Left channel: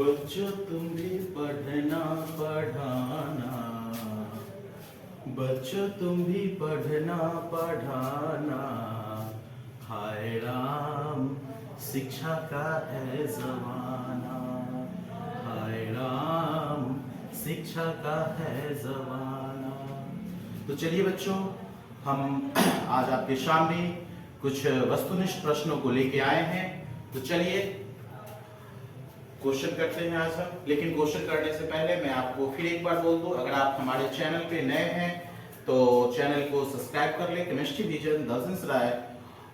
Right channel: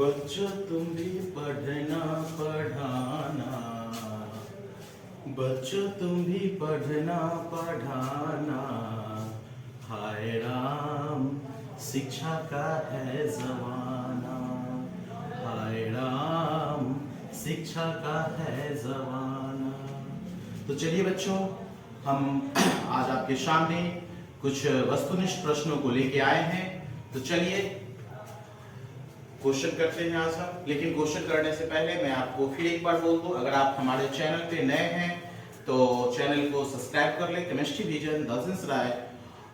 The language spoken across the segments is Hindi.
बच्चों तुम भी पढ़ना पढ़ाना, बच्चों तुम भी पढ़ना पढ़ाना, हाय राम शिक्षा का है जमाना, हाय राम शिक्षा का है जमाना। तो चलिए बच्चों, हम आज आपके सामने कुछ वस्तुनिष्ठ प्रश्नों को लेके आए हैं। तो चलिए क्वेश्चन करते हैं आज हम। लेकिन क्वेश्चन करने से पहले मैं आपको फिर एक बार बोल दूं, अगर आप हमारे चैनल पे नए हैं तो चैनल को सब्सक्राइब कर लें। केमिस्ट्री विजन दर्शन राय,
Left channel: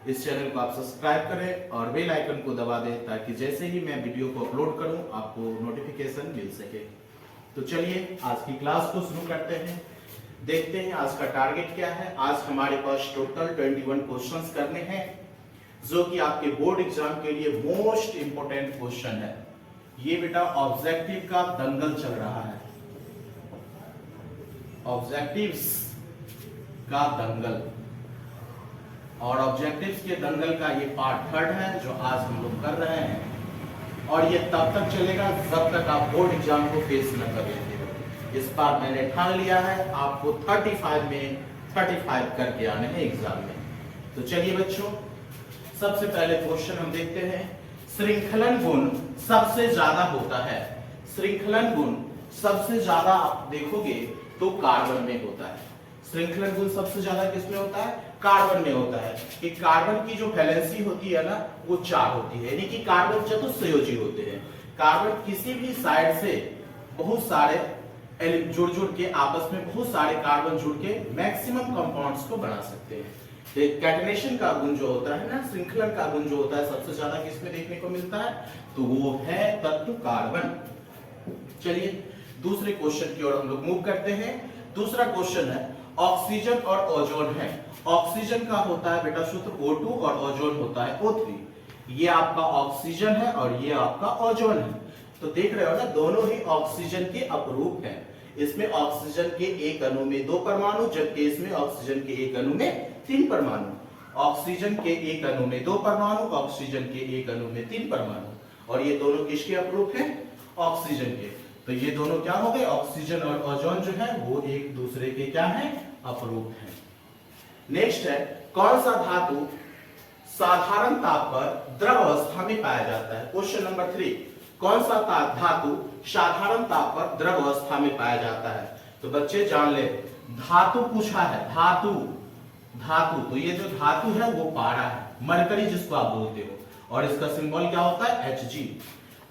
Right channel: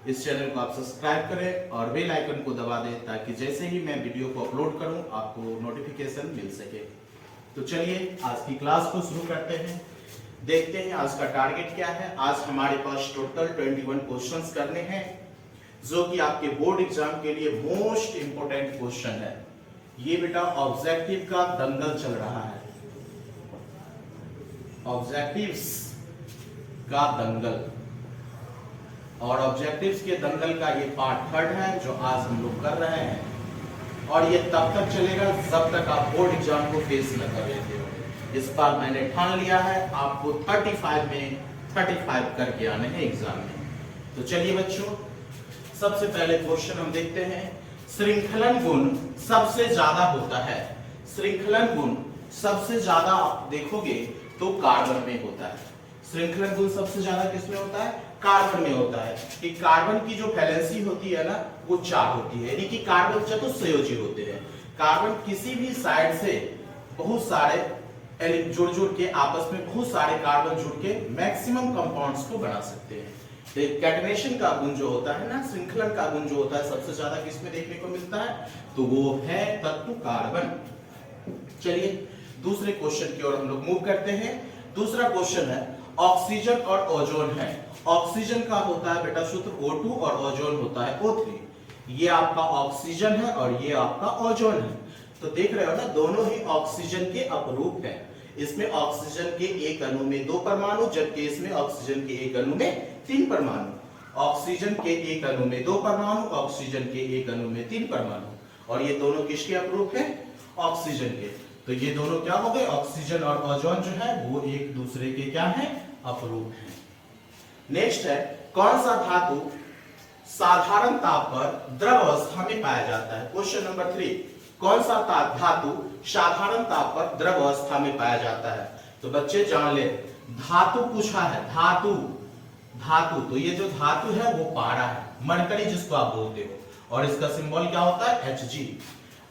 इस चैनल को आप सब्सक्राइब करें और बेल आइकन को दबा दें ताकि जैसे ही मैं वीडियो को अपलोड करूं आपको नोटिफिकेशन मिल सके। तो चलिए आज की क्लास को शुरू करते हैं। देखते हैं आज का टारगेट क्या है। आज हमारे पास टोटल 21 क्वेश्चंस करने हैं, जो कि आपके बोर्ड एग्जाम के लिए मोस्ट इंपोर्टेंट क्वेश्चन है। ये बेटा ऑब्जेक्टिव का दंगल चल रहा है, ऑब्जेक्टिव्स का दंगल, और ऑब्जेक्टिव्स के दंगल का ये पार्ट 3 है जो आज हम लोग कर रहे हैं। और ये तब तक चलेगा जब तक आप बोर्ड एग्जाम को फेस न कर लेते हो। इस बार मैंने ठान लिया है आपको 35 में 35 करके आने हैं एग्जाम में। तो चलिए बच्चों, सबसे पहले क्वेश्चन हम देखते हैं। श्रृंखलन गुण सबसे ज्यादा होता है, श्रृंखलन गुण सबसे ज्यादा आप देखोगे तो कार्बन में होता है। श्रृंखलन गुण सबसे ज्यादा किसमें होता है? कार्बन में होता है। कि कार्बन की जो वैलेंसी होती है ना वो 4 होती है, यानी कि कार्बन चतुस्संयोजी होते हैं। कार्बन किसी भी साइड से बहुत सारे जुड़ के आपस में बहुत सारे कार्बन जुड़ के मैक्सिमम कंपाउंड्स को बना सकते हैं। तो कैटनेशन का गुण जो होता है ना, श्रृंखलन का गुण जो होता है सबसे ज्यादा किसमें देखने को मिलता है? तो वो है तत्व कार्बन। चलिए दूसरे क्वेश्चन की ओर हम लोग मूव करते हैं। दूसरा क्वेश्चन है ऑक्सीजन और ओजोन है। ऑक्सीजन का होता है बेटा सूत्र O2 और ओजोन होता है O3। ये आपका ऑक्सीजन है और ये आपका ओजोन है। तो देख रहे हो ना, दोनों ही ऑक्सीजन के अपरूप हैं। इसमें ऑक्सीजन के एक अणु में 2 परमाणु, जबकि इसमें ऑक्सीजन के एक अणु में 3 परमाणु। ऑक्सीजन के एक अणु में 2 परमाणु, ऑक्सीजन के एक अणु में 3 परमाणु। और ये दोनों किसके अपरूप हैं? ऑक्सीजन के। तो ये दोनों क्या हो गए? ऑक्सीजन और ओजोन जो है वो एक दूसरे के क्या है? अपरूप है। नेक्स्ट है, कौन सा धातु साधारण ताप पर द्रव अवस्था में पाया जाता है? क्वेश्चन नंबर 3, कौन सा धातु साधारण ताप पर द्रव अवस्था में पाया जाता है? तो बच्चे जान ले, धातु पूछा है, धातु धातु तो ये जो धातु है वो पारा है, मरकरी जिसको आप बोलते हो, और इसका सिंबल क्या होता है? Hg।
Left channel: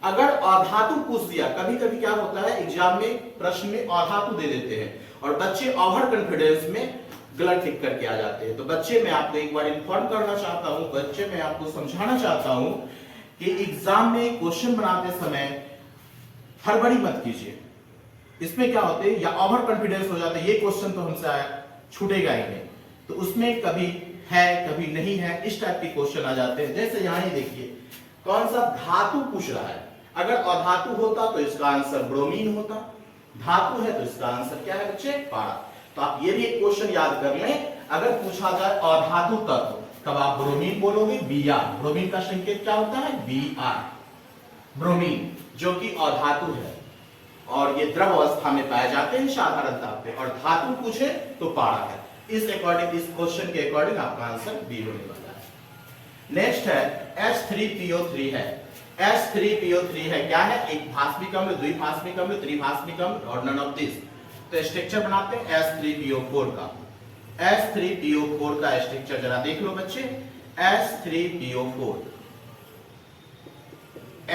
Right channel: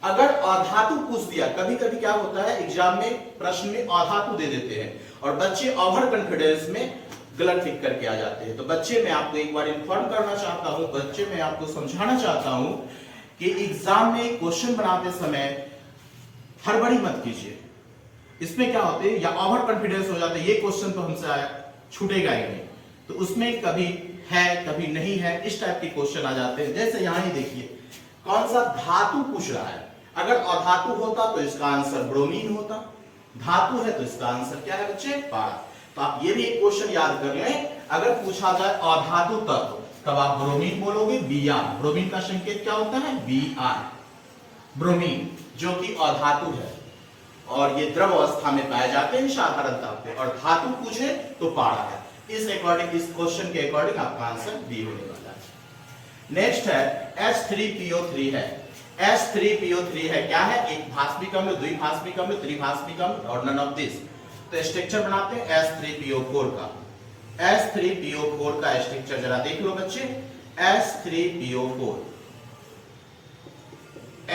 अगर अधातु पूछ दिया, कभी कभी क्या होता है एग्जाम में प्रश्न में अधातु दे देते हैं और बच्चे ओवर कॉन्फिडेंस में गलत टिक करके आ जाते हैं। तो बच्चे मैं आपको एक बार इन्फॉर्म करना चाहता हूं, बच्चे मैं आपको समझाना चाहता हूं कि एग्जाम में क्वेश्चन बनाते समय हड़बड़ी मत कीजिए। इसमें क्या होते हैं, या ओवर कॉन्फिडेंस हो जाता है, ये क्वेश्चन तो हमसे आया छूटेगा ही नहीं, तो उसमें कभी है कभी नहीं है, इस टाइप के क्वेश्चन आ जाते हैं। जैसे यहां ही देखिए, कौन सा धातु पूछ रहा है। अगर अधातु होता तो इसका आंसर ब्रोमीन होता, धातु है तो इसका आंसर क्या है बच्चे? पारा। तो आप ये भी एक क्वेश्चन याद कर लें, अगर पूछा जाए अधातु तत्व तब आप ब्रोमीन बोलोगे, Br। ब्रोमीन का संकेत क्या होता है? Br, ब्रोमीन, जो कि अधातु है और ये द्रव अवस्था में पाए जाते हैं साधारण ताप पे, और धातु पूछे तो पारा है। इस अकॉर्डिंग, इस क्वेश्चन के अकॉर्डिंग आपका आंसर बी होने वाला है। नेक्स्ट है H3PO3 है। H3PO3 है क्या है? एक भास्मिक अम्ल, द्विभास्मिक अम्ल, त्रिभास्मिक अम्ल और नन ऑफ दिस। तो स्ट्रक्चर बनाते हैं H3PO4 का। H3PO4 का स्ट्रक्चर जरा देख लो बच्चे। H3PO4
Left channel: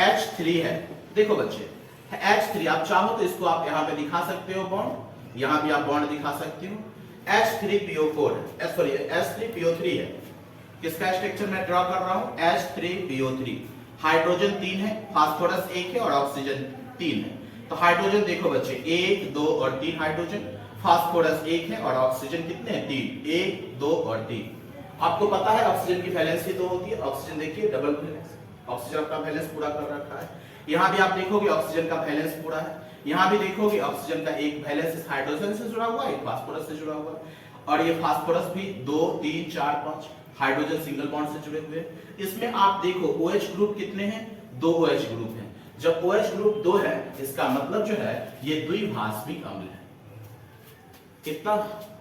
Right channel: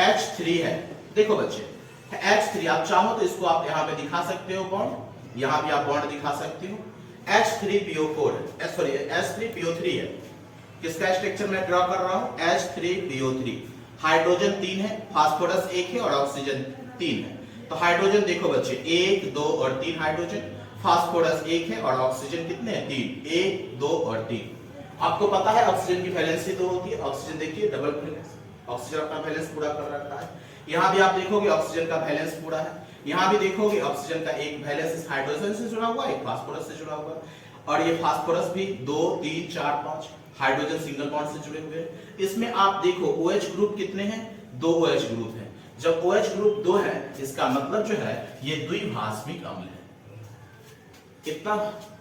H3 है, देखो बच्चे H3, आप चाहो तो इसको आप यहां पे दिखा सकते हो बॉन्ड, यहां भी आप बॉन्ड दिखा सकते हो। H3PO4 सॉरी H3PO3 है। किसका स्ट्रक्चर मैं ड्रॉ कर रहा हूं? H3PO3। हाइड्रोजन 3 है, फास्फोरस 1 है और ऑक्सीजन 3 है। तो हाइड्रोजन देखो बच्चे 1, 2 और 3 हाइड्रोजन, फास्फोरस 1 है और ऑक्सीजन कितने हैं? 3, 1, 2 और 3। आपको पता है ऑक्सीजन की वैलेंसी 2 होती है। ऑक्सीजन देखिए डबल वैलेंस, ऑक्सीजन अपना वैलेंस पूरा कर रखा है। यहां भी आप देखोगे ऑक्सीजन का वैलेंस पूरा है, यहां भी देखोगे ऑक्सीजन का एक वैलेंस इस हाइड्रोजन से जुड़ा हुआ है, एक फास्फोरस से जुड़ा हुआ है, और ये फास्फोरस भी 2, 3, 4, 5 हाइड्रोजन सिंगल बॉन्ड से जुड़े हुए हैं। इसमें आप देखो OH ग्रुप कितने हैं? 2 OH ग्रुप हैं, जब OH ग्रुप 2 है इसका मतलब जो है ये द्विभाषमिक अम्ल है। कितना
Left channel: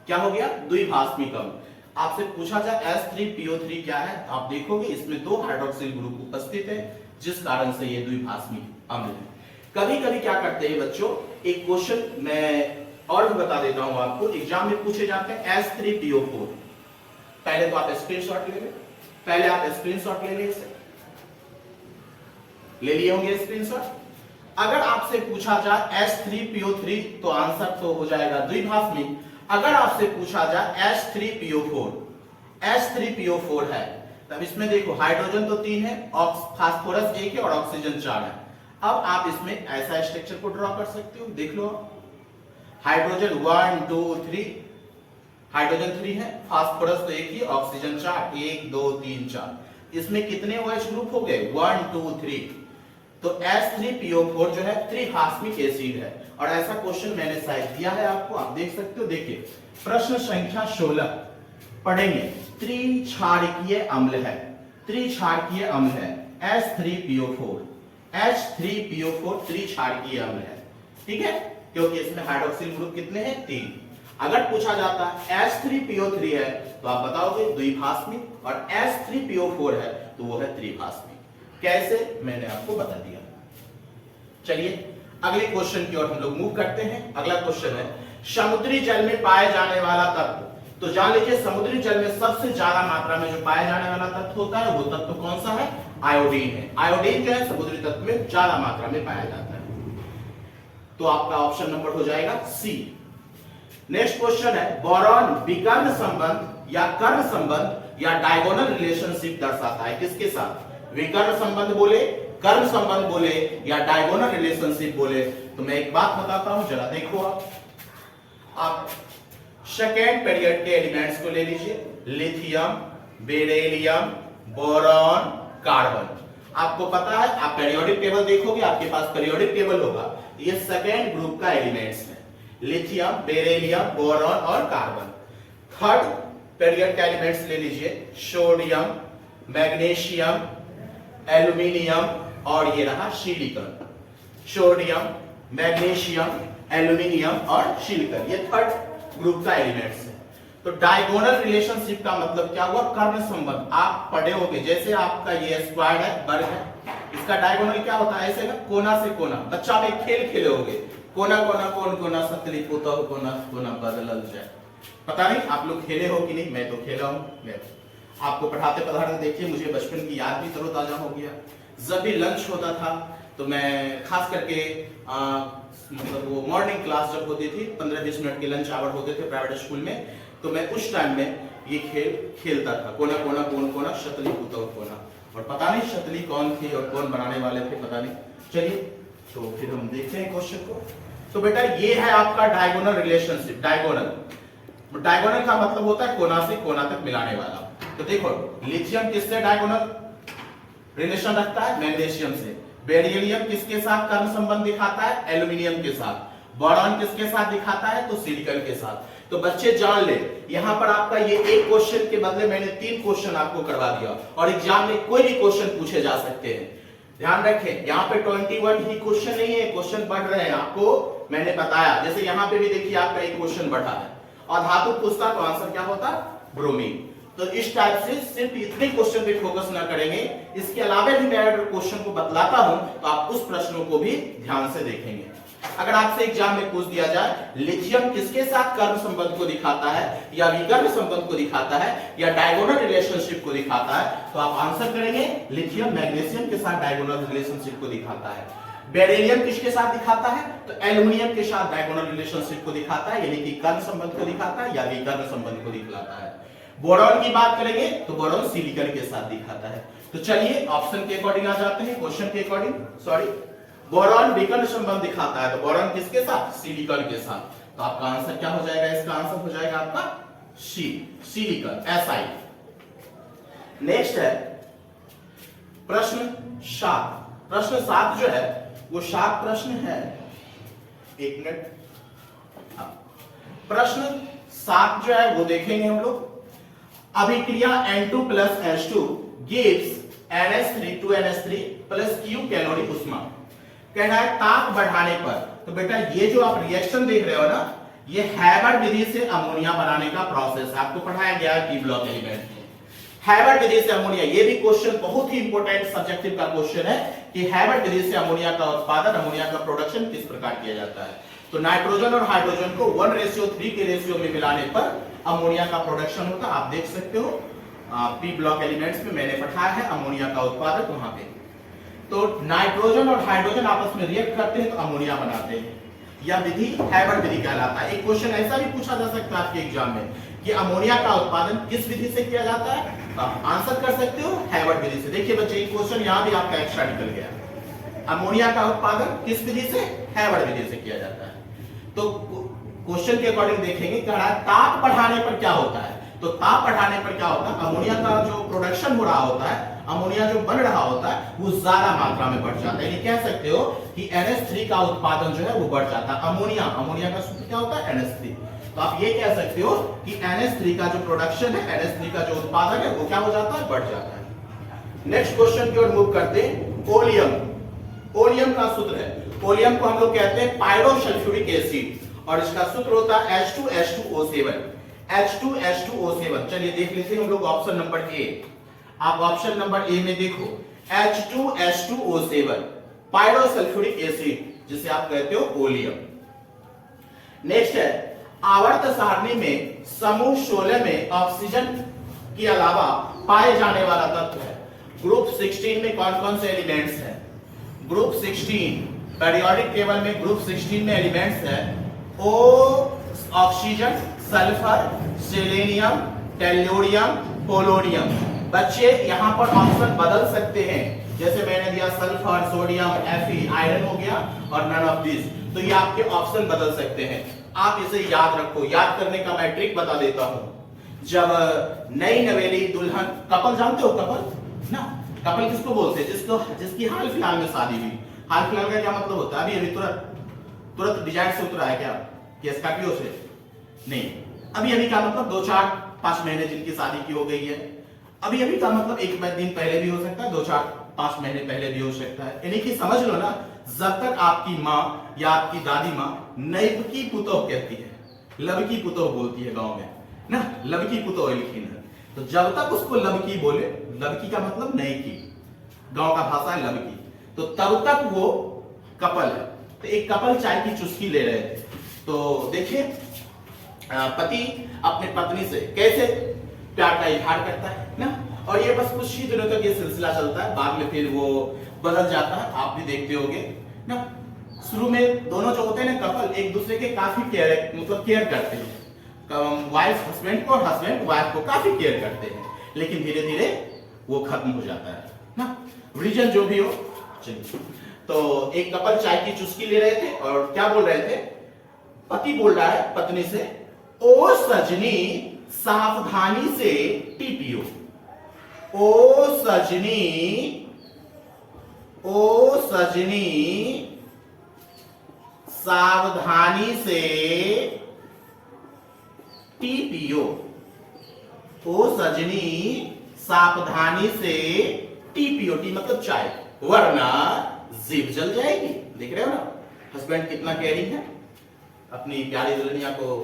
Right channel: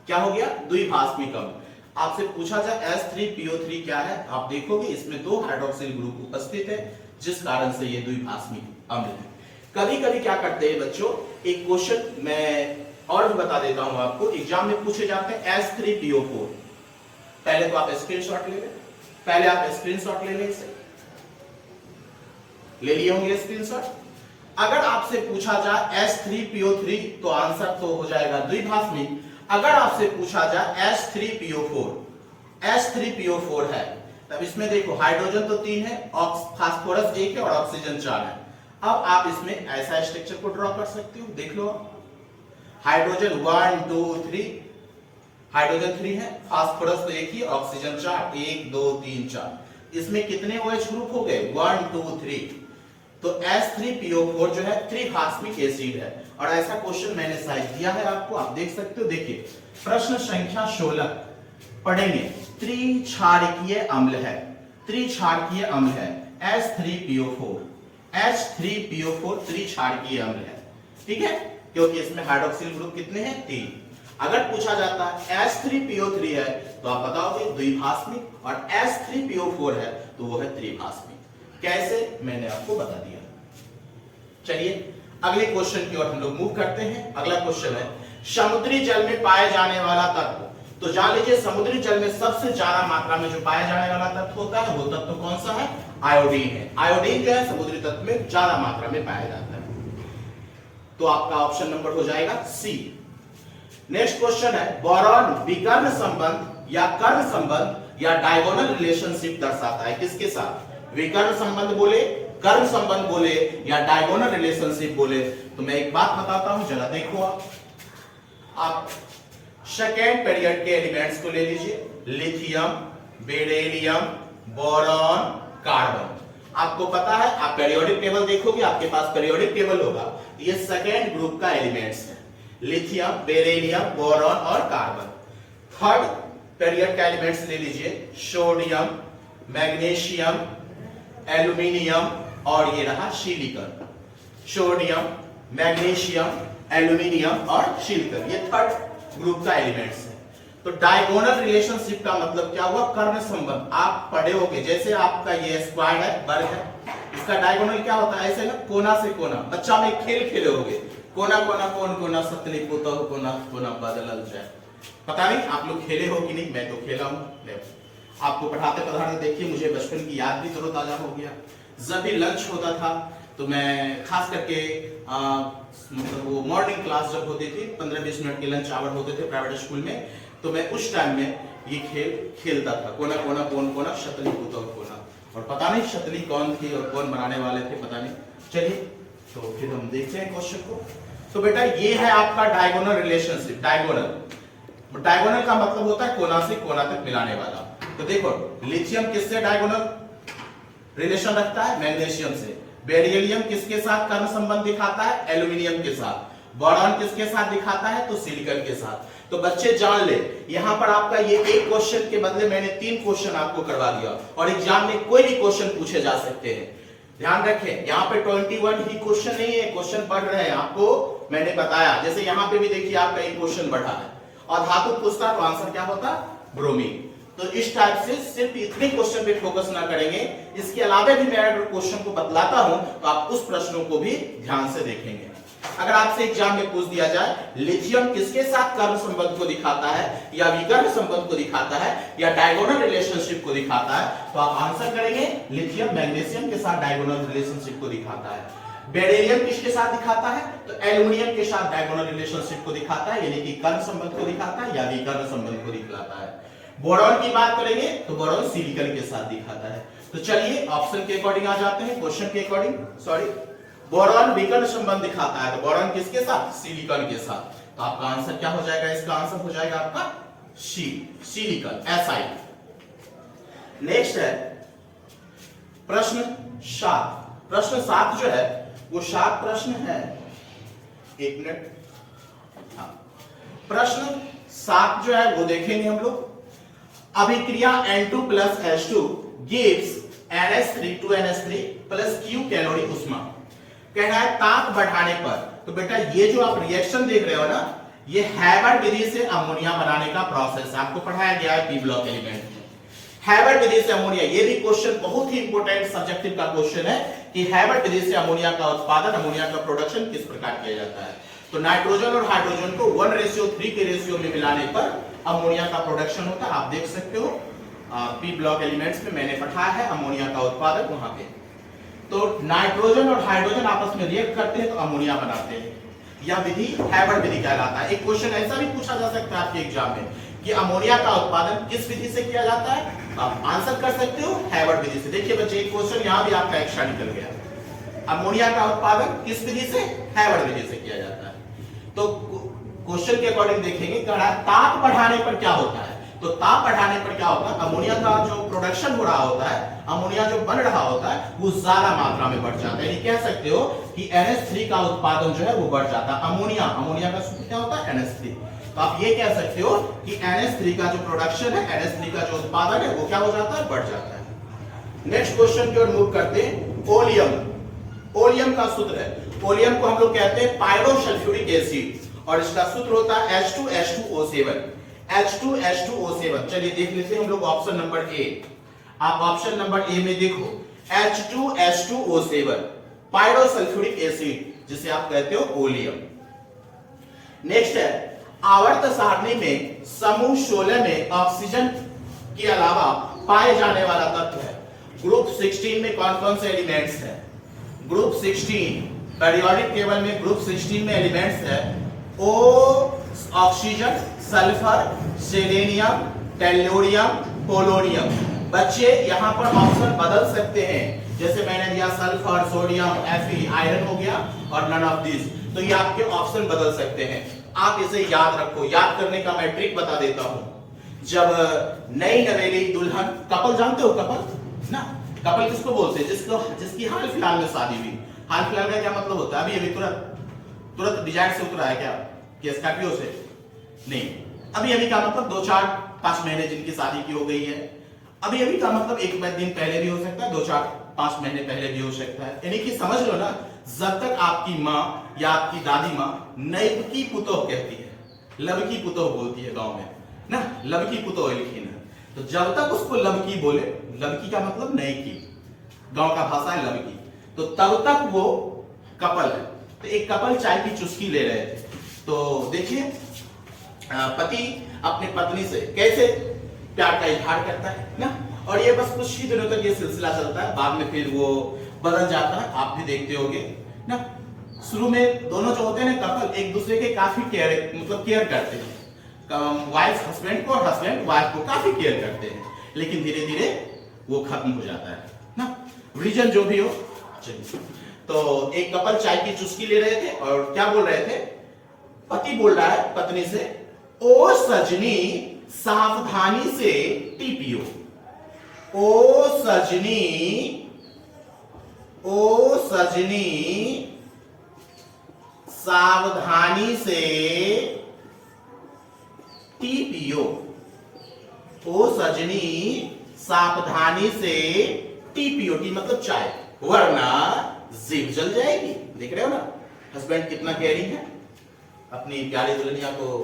क्या हो गया? द्विभाषमिक अम्ल। आपसे पूछा जाए H3PO3 क्या है, आप देखोगे इसमें 2 हाइड्रोक्सिल ग्रुप उपस्थित है, जिस कारण से ये द्विभाषमिक अम्ल है। कभी कभी क्या करते हैं बच्चों, एक क्वेश्चन मैं और भी बता देता हूं आपको, एग्जाम में पूछे जाते हैं H3PO4। पहले तो आप स्क्रीनशॉट ले लें, पहले आप स्क्रीनशॉट ले लें, इसे ले लिए होंगे स्क्रीनशॉट। अगर आपसे पूछा जाए H3PO3 तो आंसर तो हो जाएगा द्विभाषमिक। अगर आपसे पूछा जाए H3PO4 है, तब इसमें देखो हाइड्रोजन तो 3 है, फास्फोरस 1 है और ऑक्सीजन 4 है। अब आप इसमें ऐसा स्ट्रक्चर को ड्रॉ कर सकते हो, देख लो। हाइड्रोजन 1 2 3, हाइड्रोजन 3 है, फास्फोरस तो 1 ही, ऑक्सीजन 4, 1 2 3 4। इसमें कितने OH ग्रुप हो गए? 1 2 3। तो H3PO4 जो है त्रिभाषमिक एसिड है। और ऐसा क्वेश्चन मैंने शायद दिया है आपको, आप देख सकते हो। देखिए प्रश्न संख्या 16 पढ़ेंगे। त्रिक्षारकीय अम्ल है, त्रिक्षारकीय अम्ल है H3PO4। H3PO4 त्रिक्षारकीय अम्ल है, ठीक है, क्योंकि इसमें हाइड्रोक्सिल ग्रुप कितने हैं? 3। अगर पूछा जाता है H3PO3 है तो आप बताओगे द्विभाषमिक, और H3PO4 है तो वो है त्रिभाषमिक। कैसे, मैंने आपको बता दिया। चलिए अगले क्वेश्चन की ओर हम लोग मूव करते हैं। अगला क्वेश्चन है समुद्री जल में पाए जाने वाला तत्व। तो जान लीजिए समुद्री जल में सबसे ज्यादा मात्रा में जो पाया जाने वाला तत्व होता है वो तत्व कौन सा है? आयोडीन है। आयोडीन जो है समुद्री तत्व में ज्यादा मात्रा में पाया जाता है। तो आपका ऑप्शन नंबर हो जाएगा सी। नेक्स्ट क्वेश्चन है बोरॉन विकर्ण संबंध या कर्ण संबंध या डायगोनल रिलेशनशिप दर्शाता है, किसके साथ? विकर्ण संबंध बोले, कर्ण संबंध बोले या डायगोनल रिलेशनशिप बोले। तो मैं एक बात बताता हूं, जरा देखो। आप सेकेंड पीरियड के एलिमेंट्स को ले लीजिए, लिथियम, बेरिलियम, बोरॉन, कार्बन। आपको पता है, आप पीरियोडिक टेबल देखोगे, आपके पास पीरियोडिक टेबल होगा, तो ये सेकेंड ग्रुप का एलिमेंट्स है, लिथियम, बेरिलियम, बोरॉन और कार्बन। थर्ड पीरियड का एलिमेंट्स ले लीजिए, सोडियम, मैग्नीशियम, एल्यूमिनियम और ये रहा सिलिकॉन। सोडियम, मैग्नीशियम, एल्यूमिनियम और सिलिकॉन, ये थर्ड ग्रुप का एलिमेंट्स है। तो डायगोनल रिलेशनशिप का मतलब क्या हुआ? कर्ण संबंध। आप पढ़े होंगे, जैसे आपका ये स्क्वायर है, वर्ग है, इसका डायगोनल क्या होता है? ऐसे ना, कोना से कोना। बच्चा में खेल खेले होंगे, कोना कोना कौन कोना सतली पोता हो, कोना कोना बदलल जाए। पता नहीं आप लोग खेले हो कि नहीं, मैं तो खेला हूं। आपको पढ़ाते पढ़ाते देखिए मुझे बचपन की याद भी तरोताजा हो गया। जब भी लंच होता था तो मैं खास करके मतलब वो मॉर्निंग क्लास जब होती थी, 15-20 मिनट के लंच आवर होते थे प्राइवेट स्कूल में, तो मैं उस टाइम में ये खेल खेलता था, कोना कोना कौन कोना शतली पुतौ कोना। और पता नहीं शतली कौन थी और कौन बनाने वाले थे, पता नहीं। चलिए तो फिर हम देखते हैं क्वेश्चन को। तो बेटा ये है आपका डायगोनल रिलेशनशिप। डायगोनल का मतलब होता है कोना से कोना तक मिलाने वाला। तो देखो लिथियम किससे डायगोनल रिलेशन रखता है? मैग्नीशियम से। बेरिलियम किसके साथ कर्ण संबंध दिखाता है? एल्यूमिनियम के साथ। बोरॉन किसके साथ दिखाता है? तो सिलिकॉन के साथ। तो बच्चे जान ले, यहां पर आपका ये एक क्वेश्चन के बदले मैंने 3 क्वेश्चन आपको करवा दिया, और एग्जाम में कोई भी क्वेश्चन पूछे जा सकते हैं। ध्यान रखें, यहाँ पे 21 ही क्वेश्चन नहीं है, क्वेश्चन बढ़ रहे हैं, आपको मैंने बताया। जैसे यहाँ पे भी देखिए आपका एक क्वेश्चन बढ़ा है, और धातु पूछता तो आंसर क्या होता? ब्रोमीन। तो इस टाइप से सिर्फ इतने क्वेश्चन पे फोकस ना करेंगे, इसके अलावा भी मैं अगर क्वेश्चन को बतलाता हूं तो आप उस प्रश्नों को भी ध्यान से देखेंगे। अगर आपसे एग्जाम में पूछ दिया जाए लिथियम किसके साथ कर्ण संबंध को दिखाता है, या विकर्ण संबंध को दिखाता है, या डायगोनल रिलेशनशिप को दिखाता है, तो आप आंसर करेंगे लिथियम मैग्नीशियम के साथ डायगोनल रिलेशनशिप को दिखाता है। बेरिलियम किसके साथ दिखाता है? तो एल्यूमिनियम के साथ डायगोनल रिलेशनशिप को दिखाता है, यानी कि कर्ण संबंध को दिखाता है या विकर्ण संबंध को दिखाता है। बोरॉन की बात करेंगे तो बोरॉन सिलिकॉन के साथ दिखाता है। तो चलिए ऑप्शन के अकॉर्डिंग आ जाते हैं, क्वेश्चन के अकॉर्डिंग। सॉरी, बोरॉन विकर्ण संबंध दिखाता है, तो बोरॉन किसके साथ? सिलिकॉन के साथ। तो आपका आंसर क्या हो जाएगा? इसका आंसर हो जाएगा आपका सी, सिलिकॉन, Si। नेक्स्ट है प्रश्न 7। प्रश्न 7 जो है वो 7 प्रश्न है, एक मिनट। हाँ, प्रश्न 7 जो है वो देखेंगे हम लोग। अभिक्रिया N2 + H2 gives NH3 2NH3 + Q calorie उष्मा। कह रहा है ताप बढ़ाने पर। तो बेटा ये जो आप रिएक्शन देख रहे हो ना, ये हैबर विधि से अमोनिया बनाने का प्रोसेस आपको पढ़ाया गया है पी ब्लॉक एलिमेंट में। हैबर विधि से अमोनिया, ये भी क्वेश्चन बहुत ही इंपॉर्टेंट सब्जेक्टिव का क्वेश्चन है कि हैबर विधि से अमोनिया का उत्पादन, अमोनिया का प्रोडक्शन किस प्रकार किया जाता है। तो नाइट्रोजन और हाइड्रोजन को 1:3 के रेशियो में मिलाने पर अमोनिया का प्रोडक्शन होता है। आप देख सकते हो पी ब्लॉक एलिमेंट्स में मैंने पढ़ाया है अमोनिया का उत्पादन वहां पे। तो नाइट्रोजन और हाइड्रोजन आपस में रिएक्ट करते हैं तो अमोनिया बनाते हैं। यह विधि हैबर विधि कहलाता है। एक क्वेश्चन ऐसा भी पूछा जा सकता है आपके एग्जाम में कि अमोनिया का उत्पादन किस विधि से किया जाता है, आप आंसर कर सकते हो हैबर विधि से। देखिए बच्चे एक क्वेश्चन यहां भी आपका एक्स्ट्रा निकल गया। अमोनिया का उत्पादन किस विधि से, हैबर विधि से किया जाता है। तो क्वेश्चन के अकॉर्डिंग देखेंगे ताप बढ़ाने पर क्या होता है। तो ताप बढ़ाने पर क्या होता है, अमोनिया का जो प्रोडक्शन हो रहा होता है, अमोनिया जो बन रहा होता है वो ज्यादा मात्रा में बढ़ जाता है। यानी कह सकते हो कि NH3 का उत्पादन जो है वो बढ़ जाता है। अमोनिया का सूत्र क्या होता है, NH3। तो आप ये कह सकते हो कि NH3 का जो प्रोडक्शन है, NH3 का जो उत्पादन है वो क्या हो जाता है, बढ़ जाता है। नेक्स्ट क्वेश्चन की ओर मूव करते हैं। ओलियम। ओलियम का सूत्र है, ओलियम को हम लोग कहते हैं पायरोसल्फ्यूरिक एसिड और इसका सूत्र होता है H2H2O7। H2H2O7। चलिए देख लेते हैं हम लोग ऑप्शन नंबर ए। आप ऑप्शन नंबर ए में देखो H2H2O7 पायरोसल्फ्यूरिक एसिड जिसे आप कहते हो ओलियम। नेक्स्ट है आवर्त सारणी में समूह 16 में ऑक्सीजन के अलावा पाए जाने वाला तत्व है। ग्रुप 16 में कौन कौन से एलिमेंट्स हैं? ग्रुप 16 पेरियोडिक टेबल में ग्रुप 16 में एलिमेंट्स है O oxygen, sulphur, selenium, tellurium, polonium. बच्चे यहां पर ऑप्शन बदल सकते हैं, जैसे मैंने दिया सल्फर, सोडियम, Fe, आयरन हो गया और नन ऑफ दिस। तो ये आपके ऑप्शन बदल सकते हैं। आप इसे याद रखो। याद करने का मैं ट्रिक बता देता हूं। जब नई नवेली दुल्हन, कपल जानते हो कपल ना, कपल किसको बोलते हैं, जिसकी हाल फिलहाल में शादी हुई। हाल फिलहाल का क्या मतलब होता है, अभी तुरंत डिजाइन से उतरा है क्या, कि स्कॉर्पियो से नहीं, अभी का मतलब 2-4-5 महीने जिनकी शादी की हो गई है। अभी का मतलब 1 दिन पहले भी हो सकता है, 2-4-5 महीने पहले भी हो सकता है। यानी कि समझ लो ना, जब तक आपकी माँ या आपकी दादी माँ नैबकी पुतोह कहती है, लबकी पुतोह बोलती है गांव में ना, लबकी पुतोह लिखी है, तो जब तक उसको लबकी बोले, लबकी का मतलब नई की, गांव का भाषा है लबकी, तो तब तक वो कपल है। तो एक कपल चाय की चुस्की ले रहे थे। तो देखिए पति अपनी पत्नी से कैसे प्यार का इजहार करता है ना, और ये बस कुछ ही दिनों तक ये सिलसिला चलता है, बाद में फिर वो बदल जाता है। आप भी देखते होंगे ना, शुरू में दोनों जो होते हैं ना कपल, एक दूसरे के काफी केयर करते हैं। वाइफ हस्बैंड को और हस्बैंड वाइफ को काफी केयर करते हैं, लेकिन धीरे धीरे वो खत्म हो जाता है ना, रीजन जो भी हो। तो एक कपल चाय की चुस्की ले रहे थे और क्या बोल रहे थे, पति बोल रहा है पत्नी से, ओ सजनी सावधानी से टी पियो। ओ सजनी सावधानी से टी पियो। ओ सजनी सावधानी से टी पियो। टी मतलब चाय, वरना जीभ जल जाएगी। देख रहे हो ना हस्बैंड कितना केयरिंग है, अपनी प्यारी दुल्हनिया को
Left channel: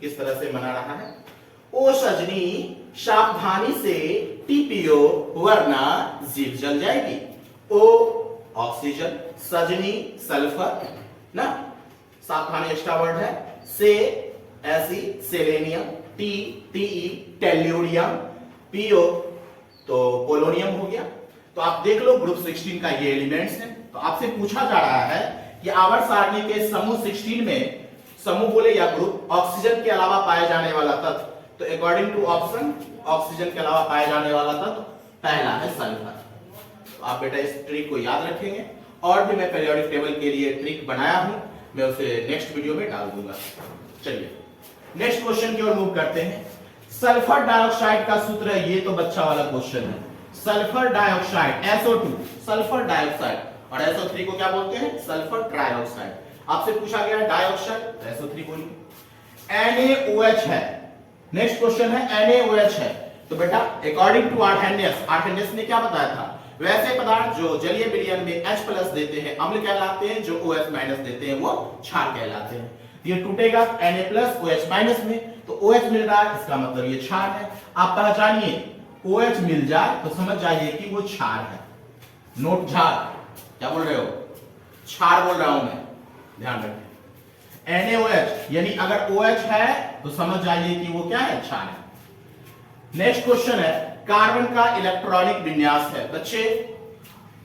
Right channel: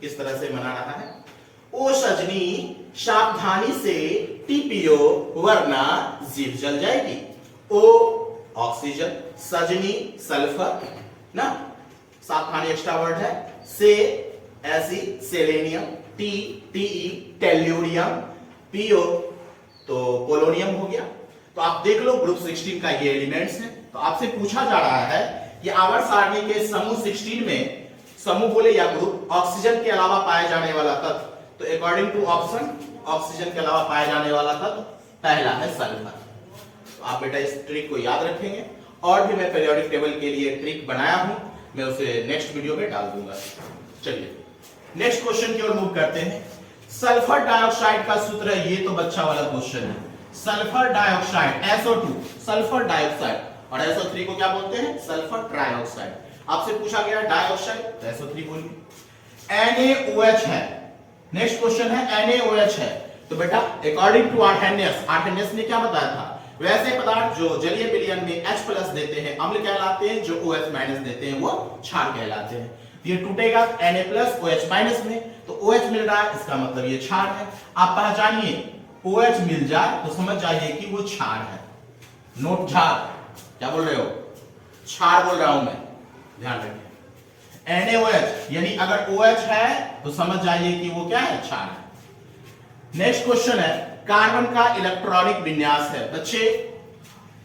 किस तरह से मना रहा है। ओ सजनी सावधानी से टी पियो वरना जीभ जल जाएगी। ओ ऑक्सीजन, सजनी सल्फर ना, सावधानी एक्स्ट्रा वर्ड है, से ऐसी selenium, T TE tellurium, PO तो पोलोनियम हो गया। तो आप देख लो ग्रुप 16 का ये एलिमेंट्स है। तो आपसे पूछा जा रहा है कि आवर्त सारणी के समूह 16 में, समूह बोले या ग्रुप, ऑक्सीजन के अलावा पाया जाने वाला तत्व। तो अकॉर्डिंग टू ऑप्शन ऑक्सीजन के अलावा पाया जाने वाला तत्व पहला है सल्फर। तो आप बेटा इस ट्रिक को याद रखेंगे, और भी मैं पीरियोडिक टेबल के लिए ट्रिक बनाया हूं, मैं उसे नेक्स्ट वीडियो में डाल दूंगा। चलिए नेक्स्ट क्वेश्चन की ओर मूव करते हैं। सल्फर डाइऑक्साइड का सूत्र है, ये तो बच्चा वाला क्वेश्चन है। Sulphur dioxide SO2, sulphur dioxide, और SO3 को क्या बोलते हैं, सल्फर ट्राइऑक्साइड। आपसे पूछा गया डाइऑक्साइड, SO3 बोलिए। NaOH है, नेक्स्ट क्वेश्चन है NaOH है। तो बेटा अकॉर्डिंग टू आर्हेनियस ने क्या बताया था वैसे पदार्थ जो जलीय विलयन में H प्लस देते हैं अम्ल कहलाते हैं, जो OH माइनस देते हैं वो क्षार कहलाते हैं। ये टूटेगा Na प्लस OH माइनस में, तो OH मिल रहा है, इसका मतलब ये क्षार है। आप पहचानिए, OH मिल जाए तो समझ जाइए कि वो क्षार है। नोट क्षार, क्या बोल रहे हो? क्षार बोल रहा हूं मैं, ध्यान रखें। NaOH यानी अगर OH है तो समझ जाइए कि वो क्या है? क्षार है। नेक्स्ट क्वेश्चन है कार्बन का इलेक्ट्रॉनिक विन्यास है। बच्चे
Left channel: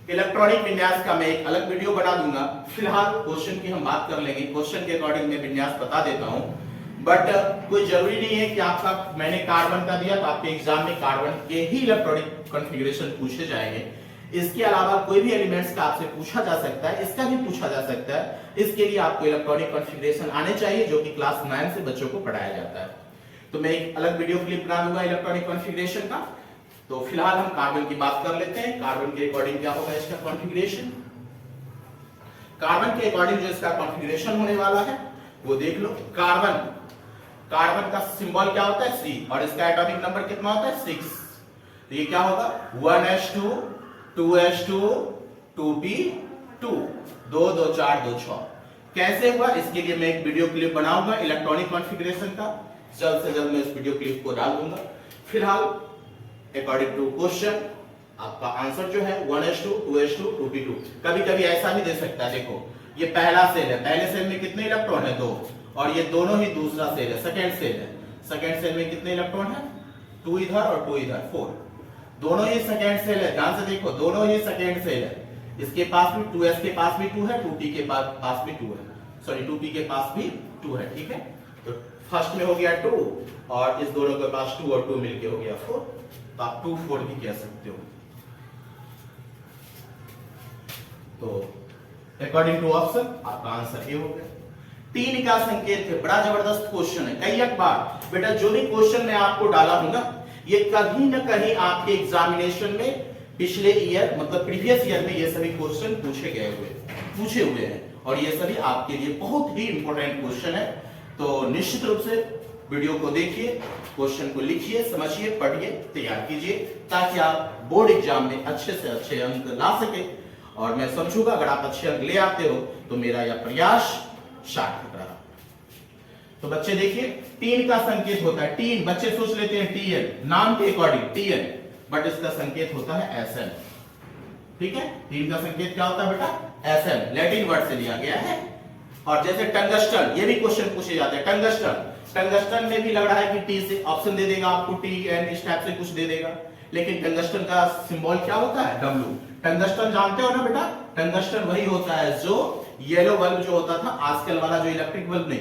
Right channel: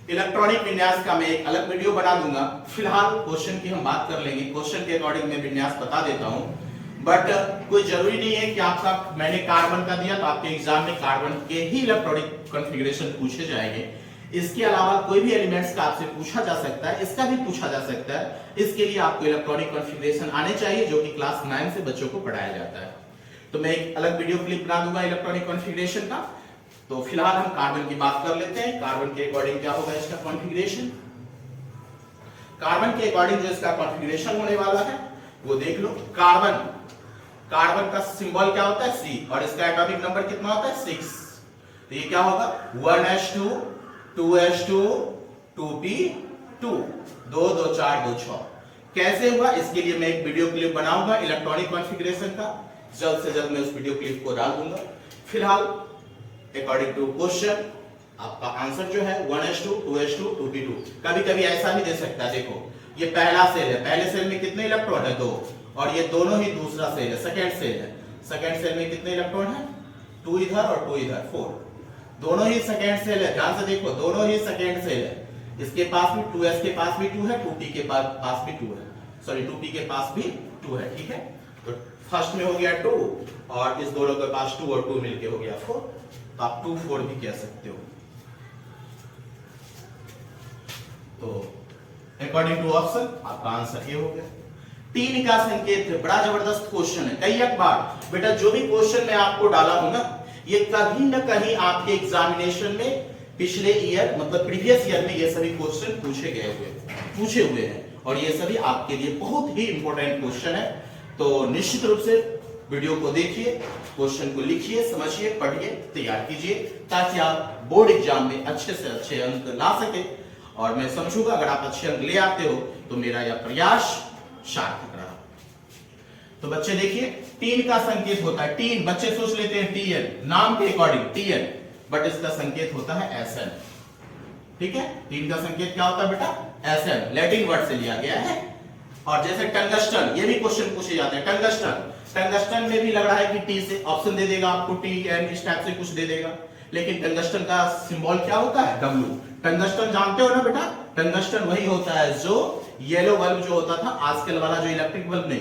इलेक्ट्रॉनिक विन्यास का मैं एक अलग वीडियो बना दूंगा, फिलहाल क्वेश्चन की हम बात कर लेंगे। क्वेश्चन के अकॉर्डिंग मैं विन्यास बता देता हूं, बट कोई जरूरी नहीं है कि आपका, मैंने कार्बन का दिया तो आपके एग्जाम में कार्बन के ही इलेक्ट्रॉनिक कॉन्फ़िगरेशन पूछे जाएंगे। इसके अलावा कोई भी एलिमेंट्स का आपसे पूछा जा सकता है, इसका भी पूछा जा सकता है। इसके लिए आपको इलेक्ट्रॉनिक कॉन्फ़िगरेशन आने चाहिए, जो कि क्लास 9 से बच्चों को पढ़ाया जाता है। तो मैं एक अलग वीडियो क्लिप बना दूंगा इलेक्ट्रॉनिक कॉन्फ़िगरेशन का। तो फिलहाल हम कार्बन की बात कर लेते हैं। कार्बन के अकॉर्डिंग क्या होगा इसका कॉन्फ़िगरेशन? कार्बन के अकॉर्डिंग जो इसका कॉन्फ़िगरेशन होने वाला है वो देख लो। कार्बन का सिंबल क्या होता है? C, और इसका एटॉमिक नंबर कितना होता है? 6। तो ये क्या होगा? 1s2 2s2 2p2 2 2 4 2 6। कैसे हुआ इसके लिए मैं एक वीडियो क्लिप बनाऊंगा इलेक्ट्रॉनिक कॉन्फ़िगरेशन का, जल्द से जल्द मैं इस वीडियो क्लिप को डाल दूंगा। फिलहाल अकॉर्डिंग टू क्वेश्चन आपका आंसर जो है 1s2 2s2 2p2। कभी कभी ऐसा भी दे सकता है, देखो ये पहला सेल है, पहले सेल में कितने इलेक्ट्रॉन है? 2, और ये दोनों ही दूसरा सेल है, सेकंड सेल है। सेकंड सेल में कितने इलेक्ट्रॉन है? 2 इधर और 2 इधर, 4। दोनों ही सेकंड सेल है, ध्यान से देखो, दोनों ही सेकंड सेल है। इसके पास भी 2s के पास भी 2 है, 2p के पास भी 2 है, सॉरी 2p के पास भी 2 है, ठीक है। तो फर्स्ट में हो गया 2, और इस दोनों के पास 2 और 2 मिलके हो गया 4। तो आप 2 4 भी कह सकते हो। तो अकॉर्डिंग टू ऑप्शन आपका आंसर ए हो गया। 3 का संकेत है, बड़ा जबरदस्त क्वेश्चन है। कई एक बार बेटा जो भी क्वेश्चन मैं आपको डाला हूं ना, ये कहीं ना कहीं आपके एग्जामिनेशन में पिछले ईयर मतलब प्रीवियस ईयर में ये सभी क्वेश्चन पूछे हुए हैं, और ये सभी आपके लिए बहुत ही इंपॉर्टेंट क्वेश्चन है। तो निश्चित रूप से वीडियो को देखिए, क्वेश्चन को लिखिए, समझिए, पढ़िए, तैयार कीजिए, ताकि आप बोर्ड एग्जाम में अच्छे से अच्छे अंक ला सके। और मैं समझूंगा अगर आप अच्छे अंक ले आते हो तो मेरा यह प्रयास सार्थक रहा। तो बच्चे देखिए 3 का संकेत होता है, 3 बच्चे सोच लेते हैं Tn, नाम के अकॉर्डिंग Tn, बट इसका संकेत होता है Sn, ठीक है। 3 का संकेत क्या होता है बेटा? Sn, लैटिन वर्ड से लिया गया है। और जैसे टंगस्टन, ये भी क्वेश्चन पूछे जाते हैं। टंगस्टन में भी लग रहा है कि T से ऑप्शन दे देगा आपको, Tn इस टाइप से कुछ दे देगा, लेकिन टंगस्टन का सिंबल क्या होता है? W। टंगस्टन जानते हो ना बेटा? टंगस्टन वही होता है जो येलो बल्ब जो होता था, आजकल वाला जो इलेक्ट्रिक बल्ब नहीं,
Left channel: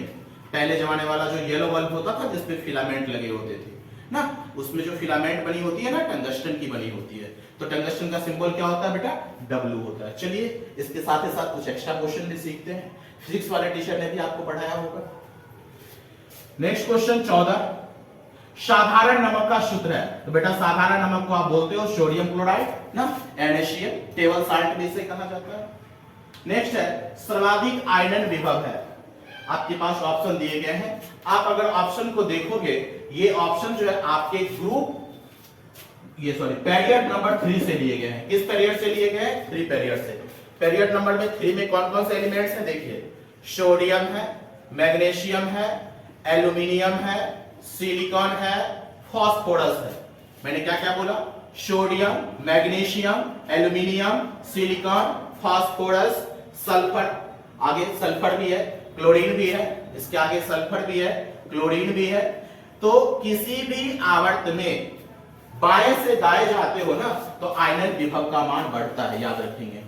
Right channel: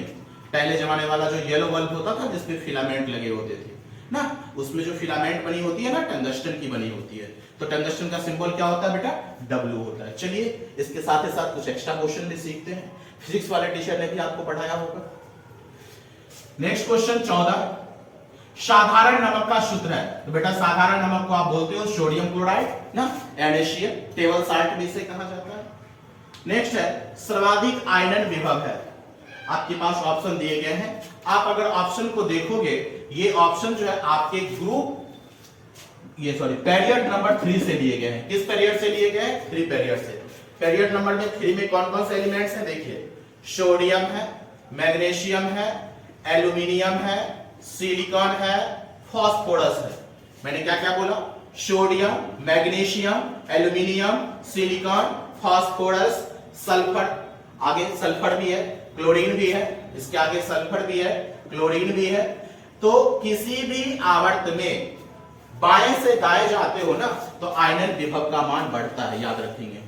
पहले जमाने वाला जो येलो बल्ब होता था जिसमें फिलामेंट लगे होते थे ना, उसमें जो फिलामेंट बनी होती है ना, टंगस्टन की बनी होती है। तो टंगस्टन का सिंबल क्या होता है बेटा? W होता है। चलिए इसके साथ ही साथ कुछ एक्स्ट्रा क्वेश्चन भी सीखते हैं, फिजिक्स वाले टीचर ने भी आपको पढ़ाया होगा। नेक्स्ट क्वेश्चन 14, साधारण नमक का सूत्र है। तो बेटा साधारण नमक को आप बोलते हो सोडियम क्लोराइड ना, NaCl, टेबल साल्ट भी इसे कहा जाता है। नेक्स्ट है सर्वाधिक आयनन विभव है। आपके पास ऑप्शन दिए गए हैं, आप अगर ऑप्शन को देखोगे, ये ऑप्शन जो है आपके ग्रुप पीरियड नंबर 3 से लिए गए हैं। किस पीरियड से लिए गए हैं? 3 पीरियड से। पीरियड नंबर में 3 में कौन कौन से एलिमेंट्स हैं? देखिए सोडियम है, मैग्नीशियम है, एल्यूमिनियम है, सिलिकॉन है, फास्फोरस है। मैंने क्या क्या बोला? Sodium, magnesium, aluminium, silicon, phosphorus, sulphur, आगे सल्फर भी है, क्लोरीन भी है, इसके आगे सल्फर भी है, क्लोरीन भी है। तो किसी भी आवर्त में बाएं से दाएं जाते हो ना, तो आयनन विभव का मान बढ़ता है, याद रखेंगे।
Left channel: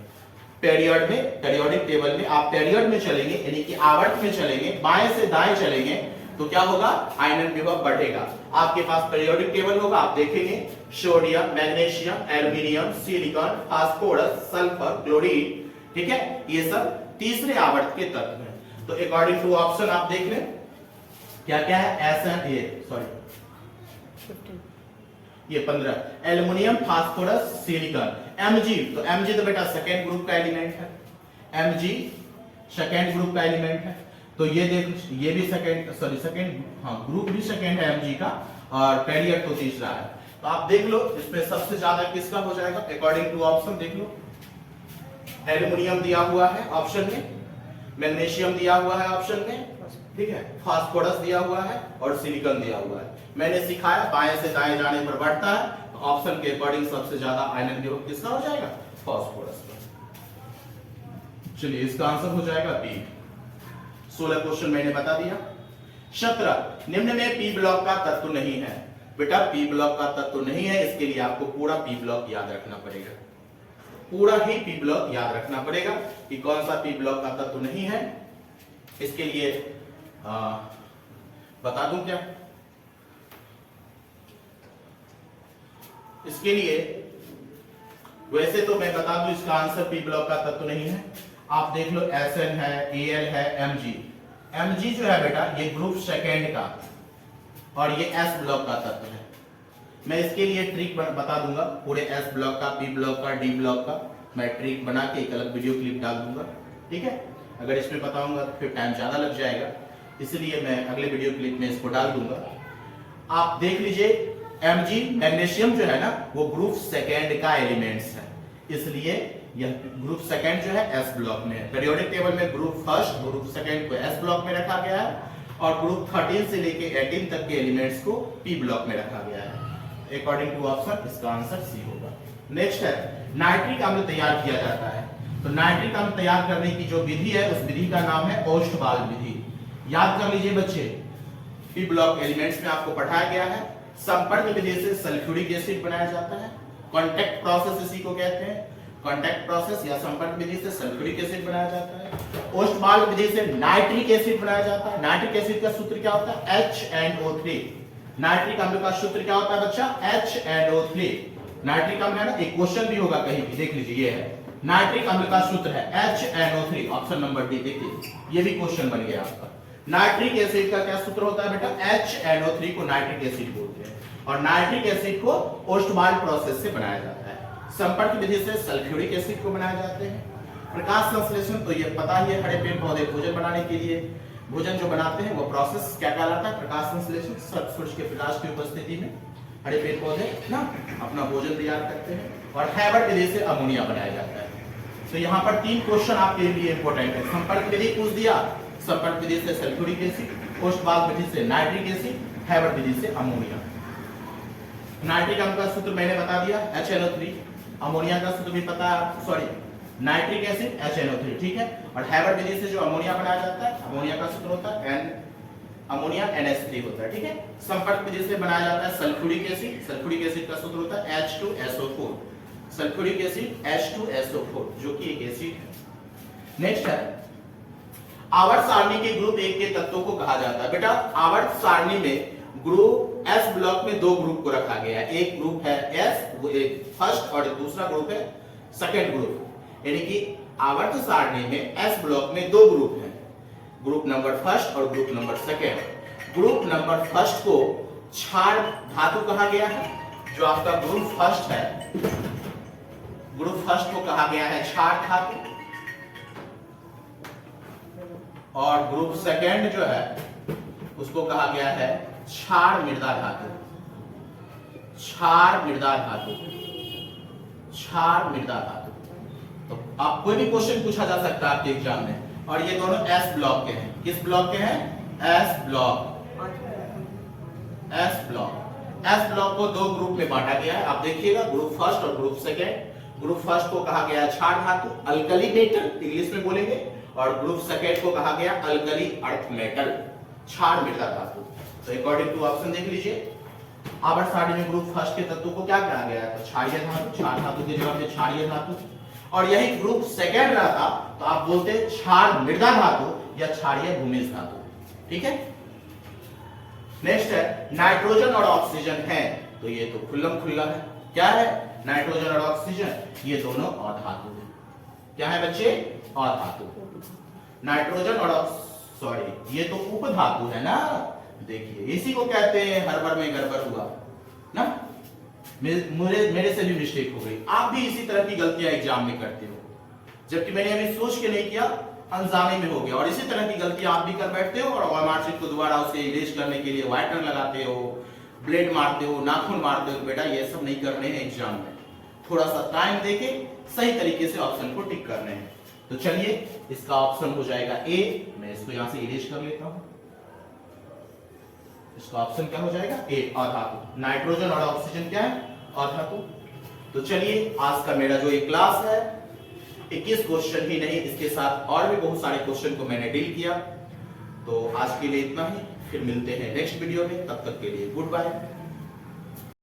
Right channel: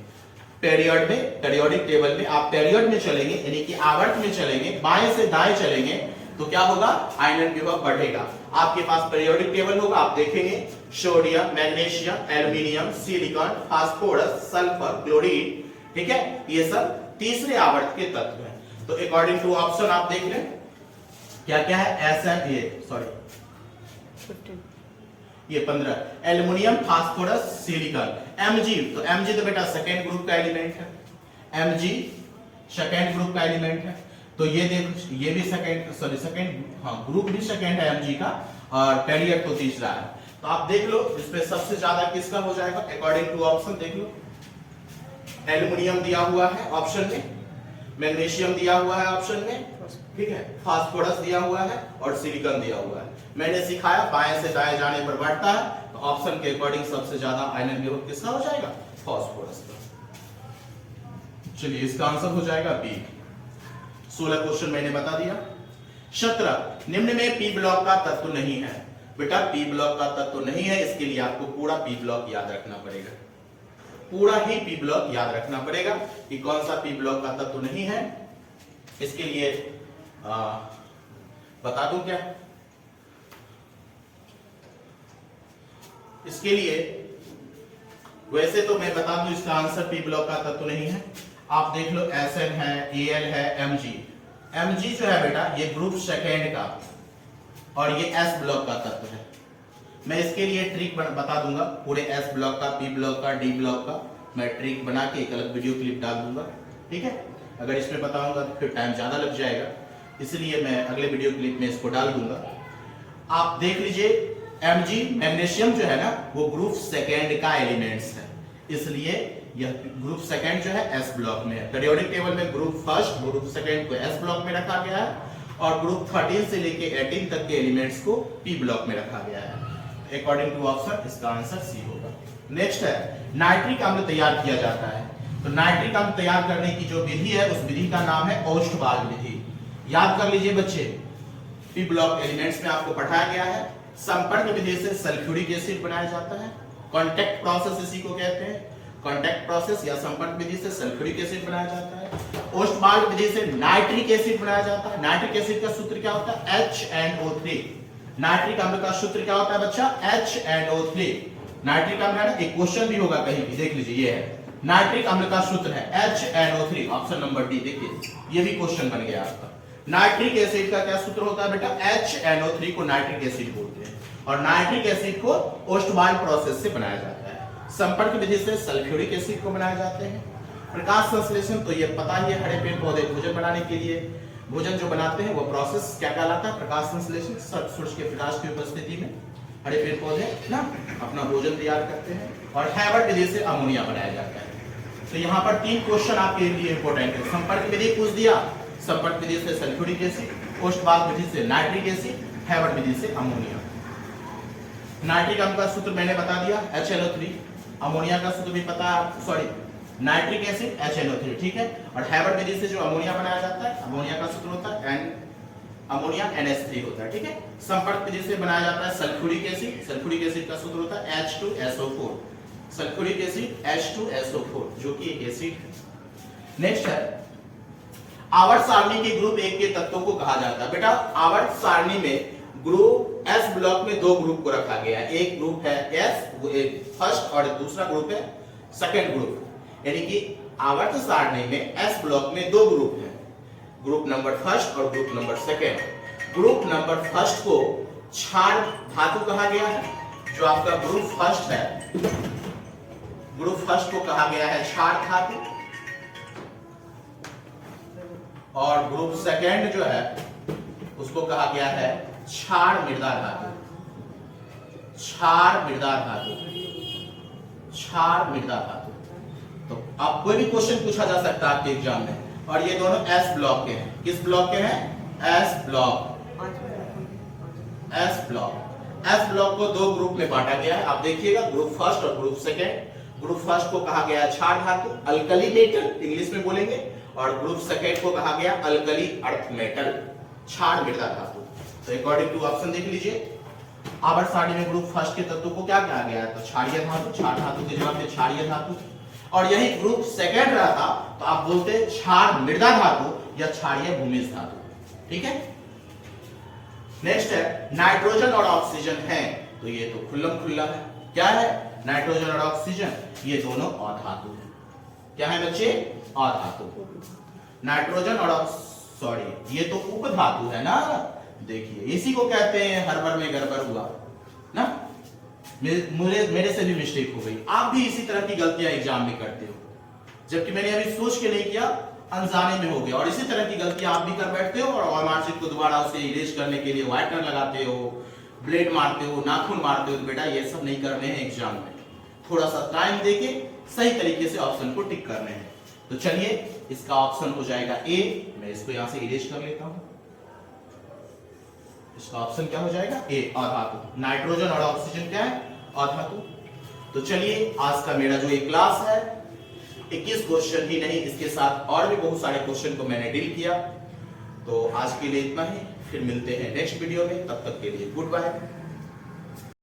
पीरियड में, पीरियोडिक टेबल में आप पीरियड में चलेंगे, यानी कि आवर्त में चलेंगे, बाएं से दाएं चलेंगे, तो क्या होगा? आयनन विभव बढ़ेगा। आपके पास पीरियोडिक टेबल होगा, आप देखेंगे sodium, magnesium, aluminium, silicon, phosphorus, sulphur, chlorine, ठीक है, ये सब तीसरे आवर्त के तत्व हैं। तो अकॉर्डिंग टू ऑप्शन आप देख लें क्या क्या है? ये 15, एल्युमिनियम, फास्फोरस, सिलिकॉन, Mg। तो Mg तो बेटा सेकेंड ग्रुप का एलिमेंट है, Mg सेकेंड ग्रुप का एलिमेंट है। तो ये देखो, ये भी सेकेंड ग्रुप भी सेकेंड है Mg का, और पीरियड तो तीसरा है। तो आप देख लो इसमें सबसे ज्यादा किसका हो जाएगा अकॉर्डिंग टू ऑप्शन। देख लो एल्युमिनियम दिया हुआ है ऑप्शन में, मैग्नीशियम दिया हुआ है ऑप्शन में, ठीक है, फास्फोरस दिया हुआ है और सिलिकॉन दिया हुआ है। मैंने सिखाया बाएं से दाएं जाने पर बढ़ता है, तो ऑप्शन के अकॉर्डिंग सबसे ज्यादा आयनन विभव किसका हो जाएगा फास्फोरस का। चलिए इसका आंसर हो जाएगा बी। 16 क्वेश्चन मैंने बता दिया। 17 निम्न में पी ब्लॉक का तत्व नहीं है। बेटा पी ब्लॉक का तत्व नहीं है, इसके लिए आपको पूरा पी ब्लॉक याद रखना पड़ेगा, पूरा ही पी ब्लॉक याद रखना पड़ेगा कि कौन सा पी ब्लॉक का तत्व नहीं है। इसके लिए बता दूं क्या, इसके लिए वैसे तो मैं बता दूं इसका आंसर पी ब्लॉक का तत्व नहीं है। आप देख लो SN है, AL है, MG जो है बेटा ये ग्रुप सेकेंड का और ये S ब्लॉक का तत्व है। मैं इसके लिए ट्रिक बता दूंगा, पूरे S ब्लॉक का, P ब्लॉक का, D ब्लॉक का मैं ट्रिक बना के एक अलग वीडियो क्लिप डाल दूंगा, ठीक है। अगर इसमें बताऊंगा तो फिर टाइम ज्यादा लग जाएगा, इसलिए मैं अगले वीडियो क्लिप में इसको डाल दूंगा। आप देख लीजिए Mg मैग्नीशियम जो है ना वो ग्रुप सेकेंड का एलिमेंट्स है, इसलिए यह ग्रुप सेकेंड जो है S ब्लॉक में है। पीरियोडिक टेबल में ग्रुप फर्स्ट ग्रुप सेकेंड को S ब्लॉक में रखा गया है और ग्रुप 13 से लेके 18 तक के एलिमेंट्स को P ब्लॉक में रखा गया है। अकॉर्डिंग टू ऑप्शन इसका आंसर सी होगा। नेक्स्ट है नाइट्रिक अम्ल तैयार किया जाता है। तो नाइट्रिक अम्ल तैयार करने की जो विधि है उस विधि का नाम है ओस्टवाल विधि। याद कर लीजिए बच्चे, पी ब्लॉक एलिमेंट्स में आपको पढ़ाया गया है। संपर्क विधि से सल्फ्यूरिक एसिड बनाया जाता है, कांटेक्ट प्रोसेस इसी को कहते हैं, कांटेक्ट प्रोसेस या संपर्क विधि से सल्फ्यूरिक एसिड बनाया जाता है। ओस्टवाल विधि से नाइट्रिक एसिड बनाया जाता है। नाइट्रिक एसिड का सूत्र क्या होता है HNO3। नाइट्रिक अम्ल का सूत्र क्या होता है बच्चा HNO3। नाइट्रिक अम्ल है ना, एक क्वेश्चन भी होगा कहीं भी, देख लीजिए ये है नाइट्रिक अम्ल का सूत्र है HNO3, ऑप्शन नंबर डी। देखिए ये भी क्वेश्चन बन गया आपका। नाइट्रिक एसिड का क्या सूत्र होता है बेटा HNO3 को नाइट्रिक एसिड बोलते हैं और नाइट्रिक एसिड को ओस्टवाल प्रोसेस से बनाया जाता है। संपर्क विधि से सल्फ्यूरिक एसिड को बनाए जाते हैं। प्रकाश संश्लेषण तो ये पता ही है, हरे पेड़ पौधे भोजन बनाने के लिए भोजन जो बनाते हैं वो प्रोसेस क्या कहलाता है प्रकाश संश्लेषण। सूर्य के प्रकाश की उपस्थिति में हरे पेड़ पौधे ना अपना भोजन तैयार करते हैं। और हैबर्ट विधि से अमोनिया बनाया जाता है। तो यहाँ पर 3 क्वेश्चन आपके लिए इंपॉर्टेंट है। संपर्क विधि पूछ दिया, संपर्क विधि से सल्फ्यूरिक एसिड, ओस्टवाल विधि से नाइट्रिक एसिड, हैबर्ट विधि से अमोनिया। नाइट्रिक अम्ल का सूत्र मैंने बता दिया HNO3, अमोनिया का सूत्र भी पता, सॉरी नाइट्रिक एसिड HNO3, ठीक है। और हैबर्ट विधि से जो अमोनिया बनाया जाता है, अमोनिया का सूत्र होता है अमोनिया NH3 होता है, ठीक है। संपर्क विधि से बनाया जाता है सल्फ्यूरिक एसिड, सल्फ्यूरिक एसिड का सूत्र होता है H2SO4, सल्फ्यूरिक एसिड H2SO4 जो कि एक एसिड है। नेक्स्ट है आवर्त सारणी के ग्रुप 1 के तत्वों को कहा जाता है। बेटा आवर्त सारणी में ग्रुप S ब्लॉक में 2 ग्रुप को रखा गया है। एक ग्रुप है S वो एक फर्स्ट और दूसरा ग्रुप है सेकंड ग्रुप। यानी कि आवर्त सारणी में S ब्लॉक में 2 ग्रुप हैं, ग्रुप नंबर फर्स्ट और group number second. Group number first को क्षार धातु कहा गया है। जो आपका ग्रुप फर्स्ट है, ग्रुप फर्स्ट को कहा गया है क्षार धातु और ग्रुप सेकंड जो है उसको कहा गया है क्षार मृदा धातु। क्षार मृदा धातु, क्षार मृदा धातु। तो आप कोई भी क्वेश्चन पूछा जा सकता है आपके एग्जाम में। और ये दोनों S ब्लॉक के हैं। किस ब्लॉक के हैं? S block. S block. S block को 2 ग्रुप में बांटा गया है। आप देखिएगा ग्रुप फर्स्ट और ग्रुप सेकंड। ग्रुप फर्स्ट को कहा गया क्षार धातु, अल्कली मेटल इंग्लिश में बोलेंगे, और ग्रुप सेकंड को कहा गया अल्कली अर्थ मेटल, क्षार मृदा धातु। तो अकॉर्डिंग टू ऑप्शन देख लीजिए, आवर्त सारणी में ग्रुप फर्स्ट के तत्व को क्या कहा गया है? तो क्षारीय धातु, क्षार धातु की जगह पे क्षारीय धातु। और यही ग्रुप सेकंड रहता तो आप बोलते क्षार मृदा धातु या क्षारीय भूमिज धातु, ठीक है। नेक्स्ट है नाइट्रोजन और ऑक्सीजन है, तो ये तो खुल्लम खुल्ला है। क्या है? नाइट्रोजन और ऑक्सीजन ये दोनों अधातु है। क्या है बच्चे? अधातु। नाइट्रोजन और सॉरी ये तो उपधातु है ना। देखिए इसी को कहते हैं हड़बड़ में गड़बड़ हुआ ना। मेरे से भी मिस्टेक हो गई। आप भी इसी तरह की गलतियां एग्जाम में करते हो, जबकि मैंने अभी सोच के नहीं किया, अनजाने में हो गया। और इसी तरह की गलतियां आप भी कर बैठते हो और मार्कशीट को दोबारा उसे इरेज करने के लिए व्हाइटनर लगाते हो, ब्लेड मारते हो, नाखून मारते हो, तो बेटा ये सब नहीं करने हैं एग्जाम में। थोड़ा सा टाइम देके सही तरीके से ऑप्शन को टिक करने हैं। तो चलिए इसका ऑप्शन हो जाएगा ए। मैं इसको यहां से इरेज कर लेता हूं। इसका ऑप्शन क्या हो जाएगा? ए, अधातु। नाइट्रोजन और ऑक्सीजन क्या है? अधातु। तो चलिए आज का मेरा जो ये क्लास है 21 क्वेश्चन ही नहीं, इसके साथ और भी बहुत सारे क्वेश्चन को मैंने डील किया। तो आज के लिए इतना ही, फिर मिलते हैं नेक्स्ट वीडियो में। तब तक के लिए गुड बाय।